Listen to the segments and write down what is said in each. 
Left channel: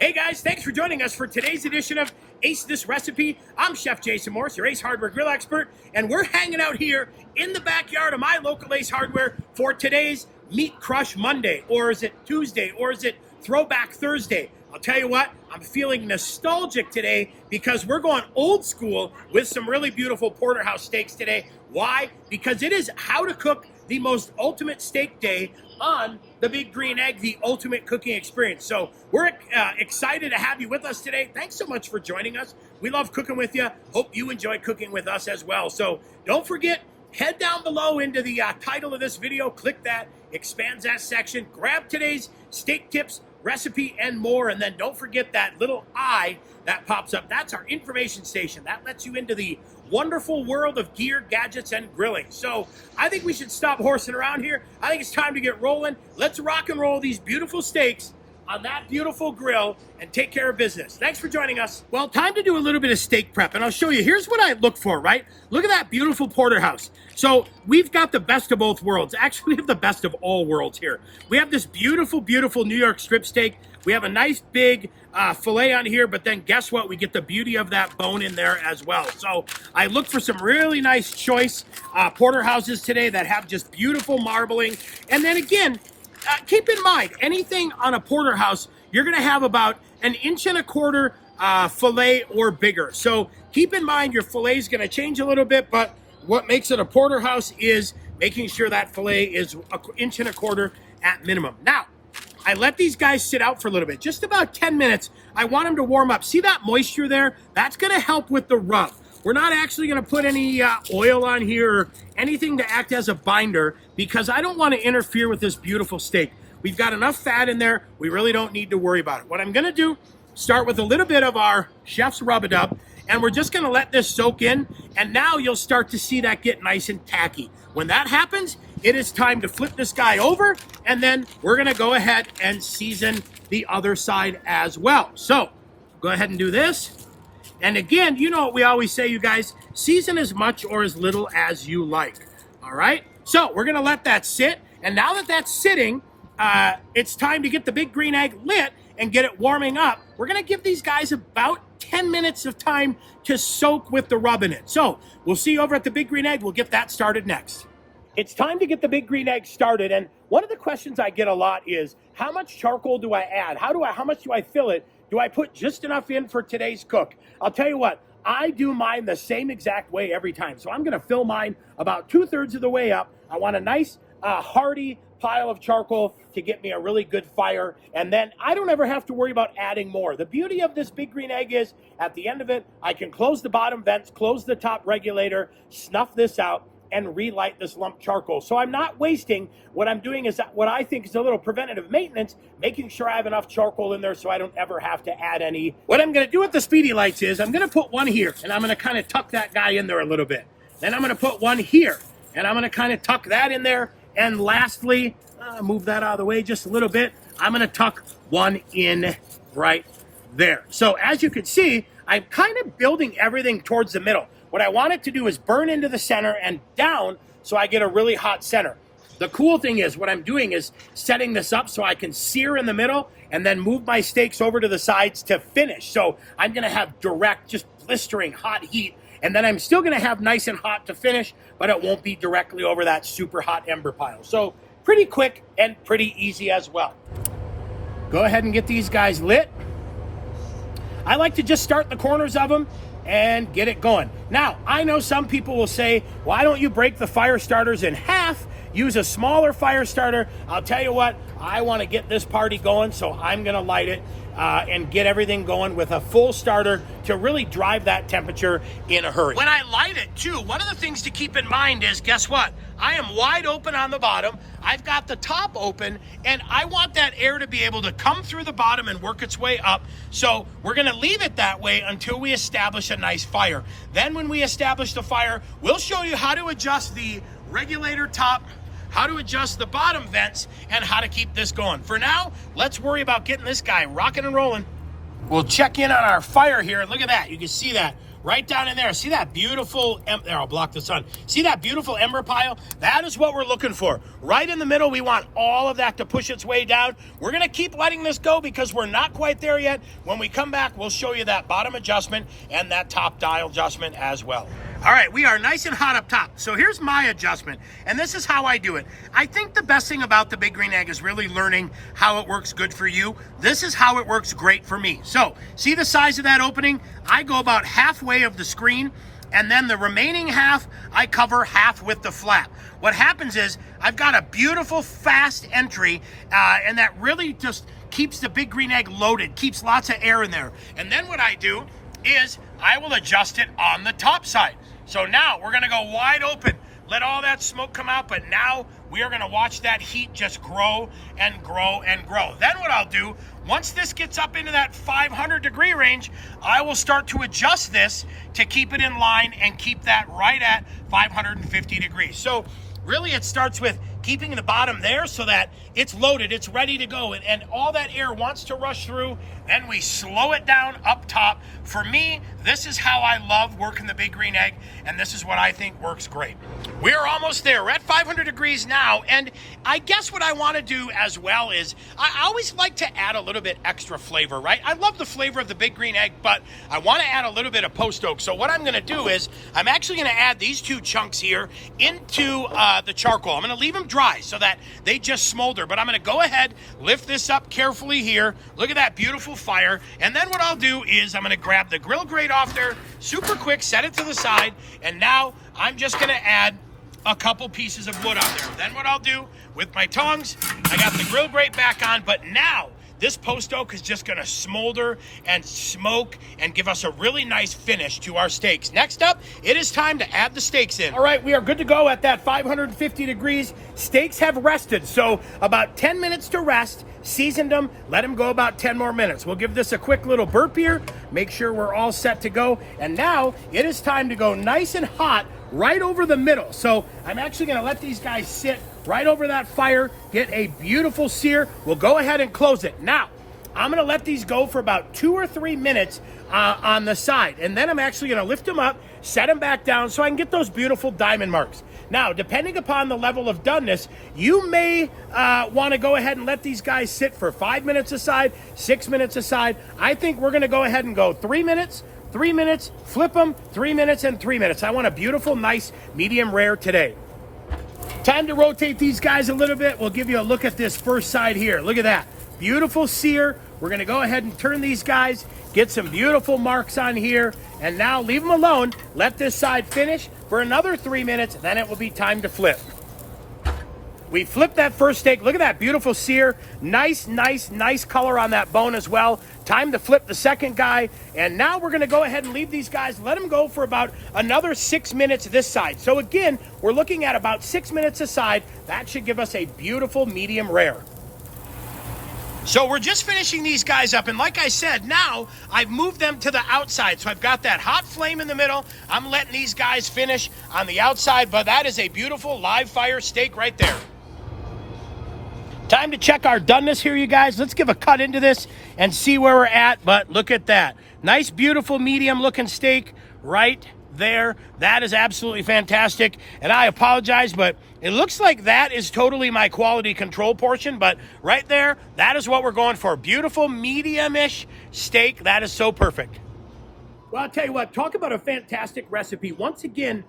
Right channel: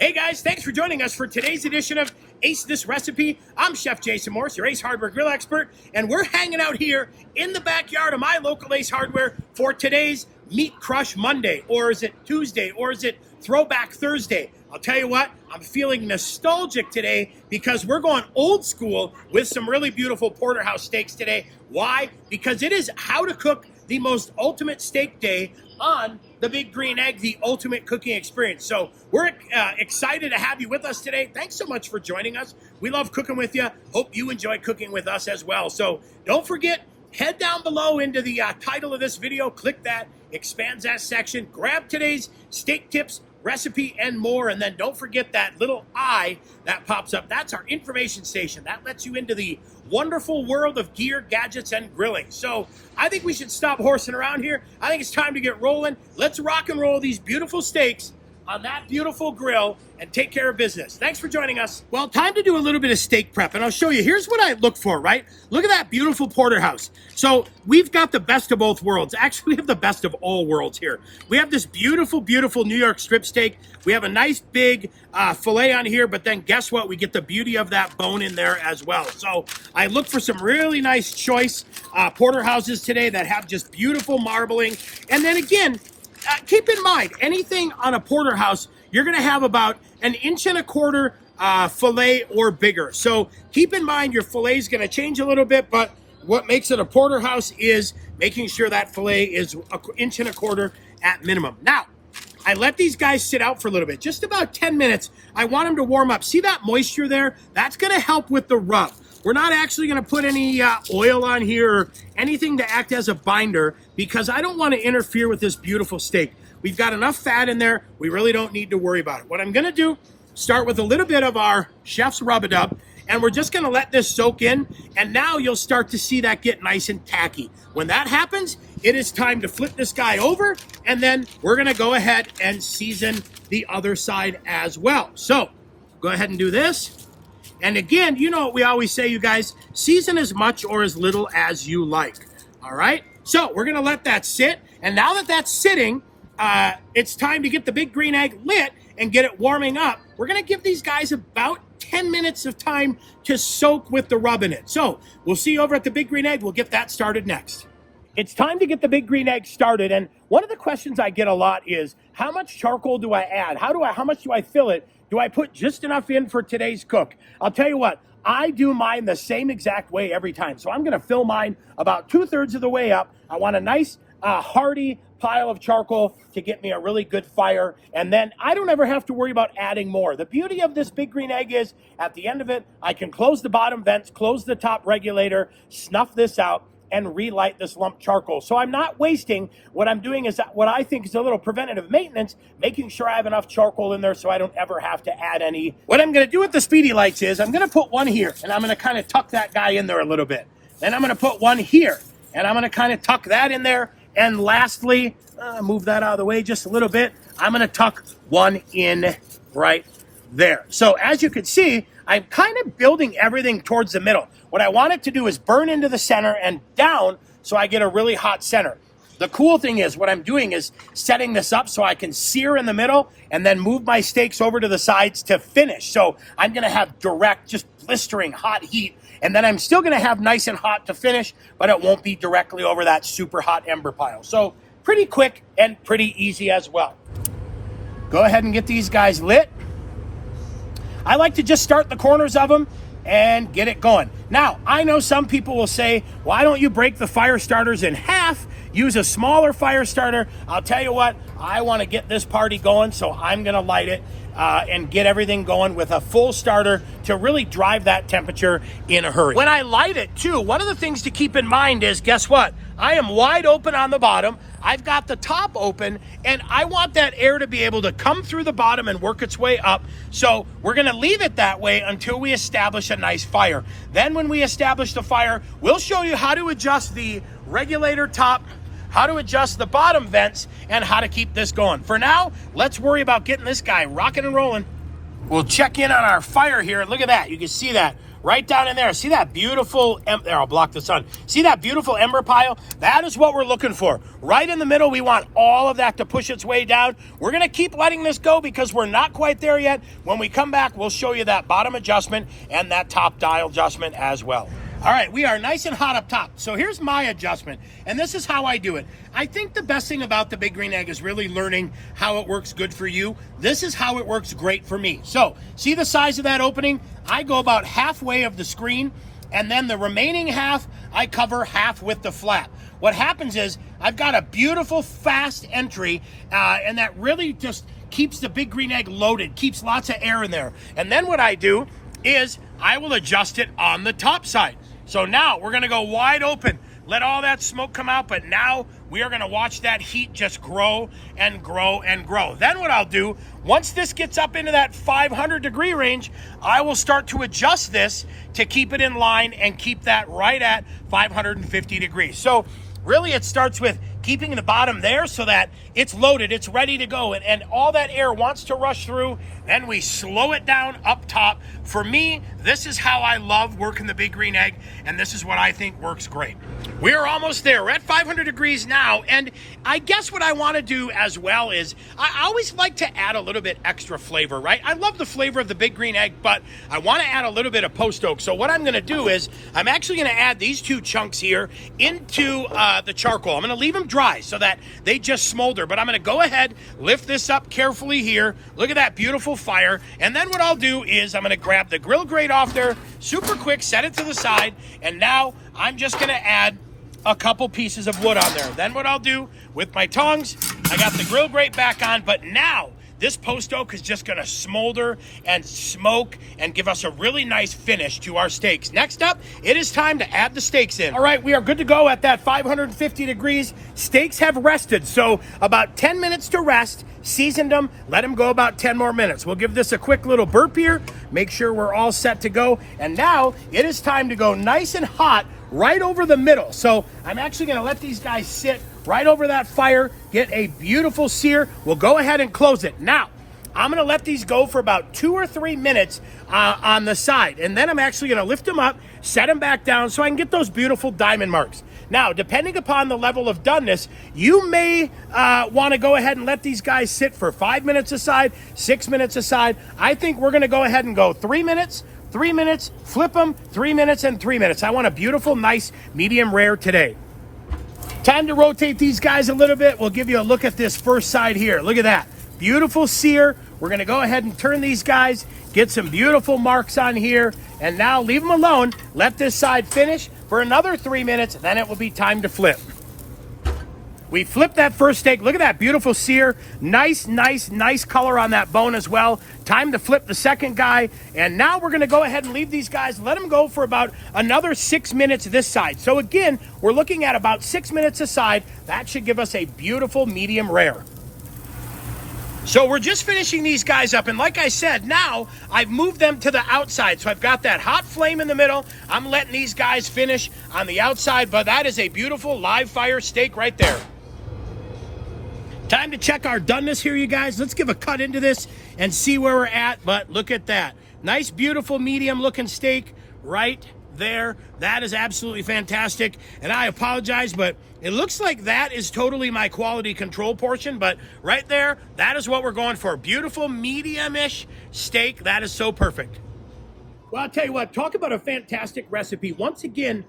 Hey guys, thanks for joining us for today's edition of Ace This Recipe. I'm Chef Jason Morse, your Ace Hardware Grill expert, and we're hanging out here in the backyard of my local Ace Hardware for today's Meat Crush Monday, or is it Tuesday, or is it Throwback Thursday? I'll tell you what, I'm feeling nostalgic today because we're going old school with some really beautiful porterhouse steaks today. Why? Because it is how to cook the most ultimate steak day on the Big Green Egg, the ultimate cooking experience. So we're excited to have you with us today. Thanks so much for joining us. We love cooking with you. Hope you enjoy cooking with us as well. So don't forget, head down below into the title of this video, click that, expands that section, grab today's steak tips, recipe, and more. And then don't forget that little eye that pops up. That's our information station. That lets you into the wonderful world of gear, gadgets, and grilling. So I think we should stop horsing around here. I think it's time to get rolling. Let's rock and roll these beautiful steaks on that beautiful grill and take care of business. Thanks for joining us. Well, time to do a little bit of steak prep, and I'll show you. Here's what I look for, right? Look at that beautiful porterhouse. So we've got the best of both worlds. Actually, we have the best of all worlds here. We have this beautiful, beautiful New York strip steak. We have a nice big filet on here, but then guess what? We get the beauty of that bone in there as well. So I look for some really nice choice porterhouses today that have just beautiful marbling. And then again, keep in mind, anything on a porterhouse, you're going to have about 1.25 inch filet or bigger. So keep in mind your filet is going to change a little bit, but what makes it a porterhouse is making sure that filet is 1.25 inches at minimum. Now, I let these guys sit out for a little bit, just about 10 minutes. I want them to warm up. See that moisture there? That's going to help with the rub. We're not actually going to put any oil on here or anything to act as a binder because I don't want to interfere with this beautiful steak. We've got enough fat in there. We really don't need to worry about it. What I'm going to do, start with a little bit of our chef's rub-a-dub, and we're just going to let this soak in, and now you'll start to see that get nice and tacky. When that happens, it is time to flip this guy over, and then we're going to go ahead and season the other side as well. So go ahead and do this. And again, you know what we always say, you guys, season as much or as little as you like. All right. So we're going to let that sit. And now that that's sitting, it's time to get the Big Green Egg lit and get it warming up. We're going to give these guys about 10 minutes of time to soak with the rub in it. So we'll see you over at the Big Green Egg. We'll get that started next. It's time to get the Big Green Egg started. And one of the questions I get a lot is, how much charcoal do I add? How much do I fill it? Do I put just enough in for today's cook? I'll tell you what, I do mine the same exact way every time. So I'm going to fill mine about 2/3 of the way up. I want a nice hearty pile of charcoal to get me a really good fire. And then I don't ever have to worry about adding more. The beauty of this Big Green Egg is at the end of it, I can close the bottom vents, close the top regulator, snuff this out, and relight this lump charcoal. So I'm not wasting. What I'm doing is what I think is a little preventative maintenance, making sure I have enough charcoal in there so I don't ever have to add any. What I'm going to do with the Speedy Lights is I'm going to put one here, and I'm going to kind of tuck that guy in there a little bit. Then I'm going to put one here, and I'm going to kind of tuck that in there. And lastly, move that out of the way just a little bit. I'm going to tuck one in right there. So as you can see, I'm kind of building everything towards the middle. What I want it to do is burn into the center and down so I get a really hot center. The cool thing is what I'm doing is setting this up so I can sear in the middle and then move my steaks over to the sides to finish. So I'm going to have direct, just blistering hot heat. And then I'm still going to have nice and hot to finish, but it won't be directly over that super hot ember pile. So pretty quick and pretty easy as well. Go ahead and get these guys lit. I like to just start the corners of them and get it going. Now, I know some people will say, why don't you break the fire starters in half, use a smaller fire starter? I'll tell you what, I want to get this party going, so I'm going to light it and get everything going with a full starter to really drive that temperature in a hurry. When I light it too, one of the things to keep in mind is, guess what? I am wide open on the bottom. I've got the top open, and I want that air to be able to come through the bottom and work its way up. So we're going to leave it that way until we establish a nice fire. Then when we establish the fire, we'll show you how to adjust the regulator top, how to adjust the bottom vents, and how to keep this going. For now, let's worry about getting this guy rocking and rolling. We'll check in on our fire here. Look at that. You can see that. right down in there. See that beautiful, there, I'll block the sun. See that beautiful ember pile? That is what we're looking for. Right in the middle, we want all of that to push its way down. We're gonna keep letting this go because we're not quite there yet. When we come back, we'll show you that bottom adjustment and that top dial adjustment as well. All right, we are nice and hot up top. So here's my adjustment, and this is how I do it. I think the best thing about the Big Green Egg is really learning how it works good for you. This is how it works great for me. So see the size of that opening? I go about halfway of the screen, and then the remaining half, I cover half with the flap. What happens is I've got a beautiful fast entry, and that really just keeps the Big Green Egg loaded, keeps lots of air in there. And then what I do is I will adjust it on the top side. So now we're gonna go wide open, let all that smoke come out, but now we are gonna watch that heat just grow and grow and grow. Then what I'll do, once this gets up into that 500-degree range, I will start to adjust this to keep it in line and keep that right at 550 degrees. So really it starts with keeping the bottom there so that it's loaded, it's ready to go, and all that air wants to rush through. Then we slow it down up top. For me, this is how I love working the Big Green Egg, and this is what I think works great. We're almost there. We're at 500 degrees now, and I guess what I want to do as well is I always like to add a little bit extra flavor, right? I love the flavor of the Big Green Egg, but I want to add a little bit of post oak. So what I'm going to do is I'm actually going to add these two chunks here into the charcoal. I'm going to leave them dry so that they just smolder, but I'm going to go ahead, lift this up carefully here. Look at that beautiful fire. And then what I'll do is I'm going to grab the grill grate off there super quick, set it to the side, and now I'm just going to add a couple pieces of wood on there. Then what I'll do with my tongs, I got the grill grate back on, but now this post oak is just gonna smolder and smoke and give us a really nice finish to our steaks. Next up, it is time to add the steaks in. All right, we are good to go at that 550 degrees. Steaks have rested, so about 10 minutes to rest, seasoned them, let them go about 10 more minutes. We'll give this a quick little burp here, make sure we're all set to go, and now it is time to go nice and hot right over the middle. So I'm actually gonna let these guys sit right over that fire, get a beautiful sear. We'll go ahead and close it. Now, I'm gonna let these go for about 2 or 3 minutes on the side. And then I'm actually gonna lift them up, set them back down so I can get those beautiful diamond marks. Now, depending upon the level of doneness, you may wanna go ahead and let these guys sit for 5 minutes aside, 6 minutes aside. I think we're gonna go ahead and go 3 minutes, 3 minutes, flip them, 3 minutes, and 3 minutes. I want a beautiful, nice, medium rare today. Time to rotate these guys a little bit. We'll give you a look at this first side here. Look at that. Beautiful sear. We're gonna go ahead and turn these guys, get some beautiful marks on here, and now leave them alone. Let this side finish for another 3 minutes, then it will be time to flip. We flipped that first steak. Look at that beautiful sear. Nice, nice, nice color on that bone as well. Time to flip the second guy. And now we're gonna go ahead and leave these guys, let them go for about another 6 minutes this side. So again, we're looking at about 6 minutes aside. That should give us a beautiful medium rare. So we're just finishing these guys up, and like I said, now I've moved them to the outside. So I've got that hot flame in the middle. I'm letting these guys finish on the outside, but that is a beautiful live fire steak right there. Time to check our doneness here, you guys. Let's give a cut into this and see where we're at, but look at that. Nice, beautiful, medium-looking steak right there. That is absolutely fantastic, and I apologize, but it looks like that is totally my quality control portion, but right there, that is what we're going for. Beautiful, medium-ish steak. That is so perfect. Well, I'll tell you what, talk about a fantastic recipe. Once again,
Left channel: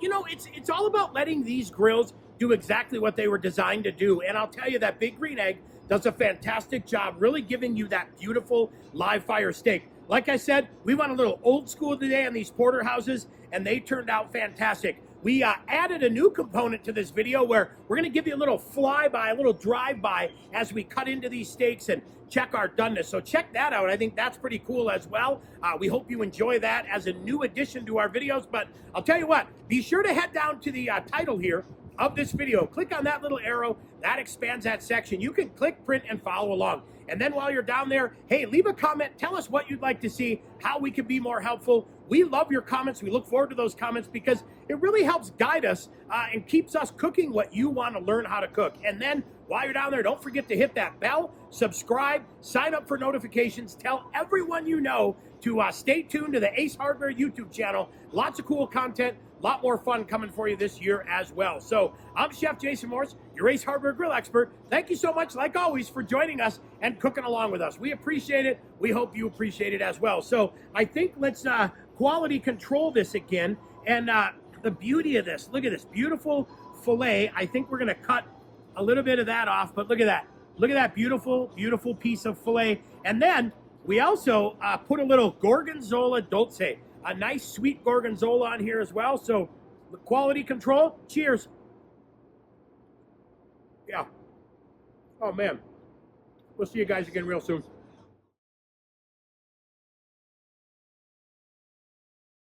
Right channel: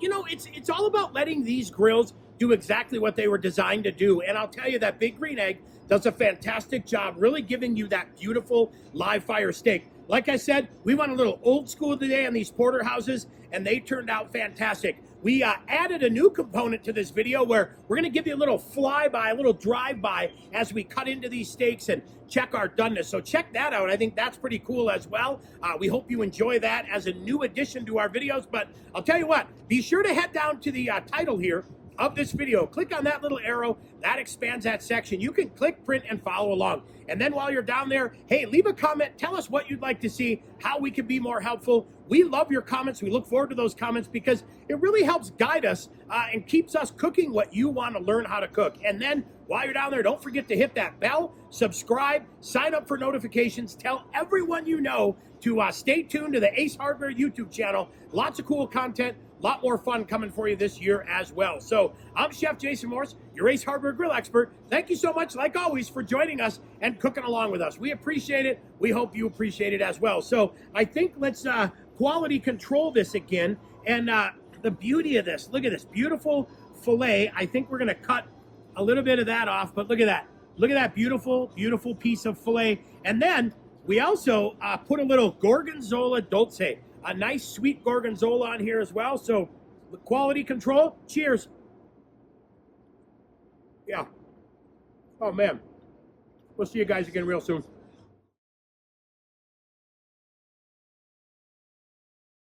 it's all about letting these grills do exactly what they were designed to do. And I'll tell you that Big Green Egg does a fantastic job really giving you that beautiful live fire steak. Like I said, we went a little old school today on these porterhouses, and they turned out fantastic. We added a new component to this video where we're gonna give you a little flyby, a little drive-by as we cut into these steaks and check our doneness. So check that out. I think that's pretty cool as well. We hope you enjoy that as a new addition to our videos. But I'll tell you what, be sure to head down to the title here of this video. Click on that little arrow. that expands that section. You can click, print, and follow along. And then while you're down there, hey, leave a comment. Tell us what you'd like to see, how we can be more helpful. We love your comments. We look forward to those comments because it really helps guide us and keeps us cooking what you want to learn how to cook. And then while you're down there, don't forget to hit that bell, subscribe, sign up for notifications. Tell everyone you know to stay tuned to the Ace Hardware YouTube channel. Lots of cool content. A lot more fun coming for you this year as well. So I'm Chef Jason Morse, your Ace Hardware Grill expert. Thank you so much, like always, for joining us and cooking along with us. We appreciate it. We hope you appreciate it as well. So I think let's quality control this again. And the beauty of this, look at this beautiful filet. I think we're going to cut a little bit of that off, but look at that. Look at that beautiful, beautiful piece of filet. And then we also put a little gorgonzola dolce. A nice sweet gorgonzola on here as well. So the quality control. Cheers. Yeah. Oh man. We'll see you guys again real soon.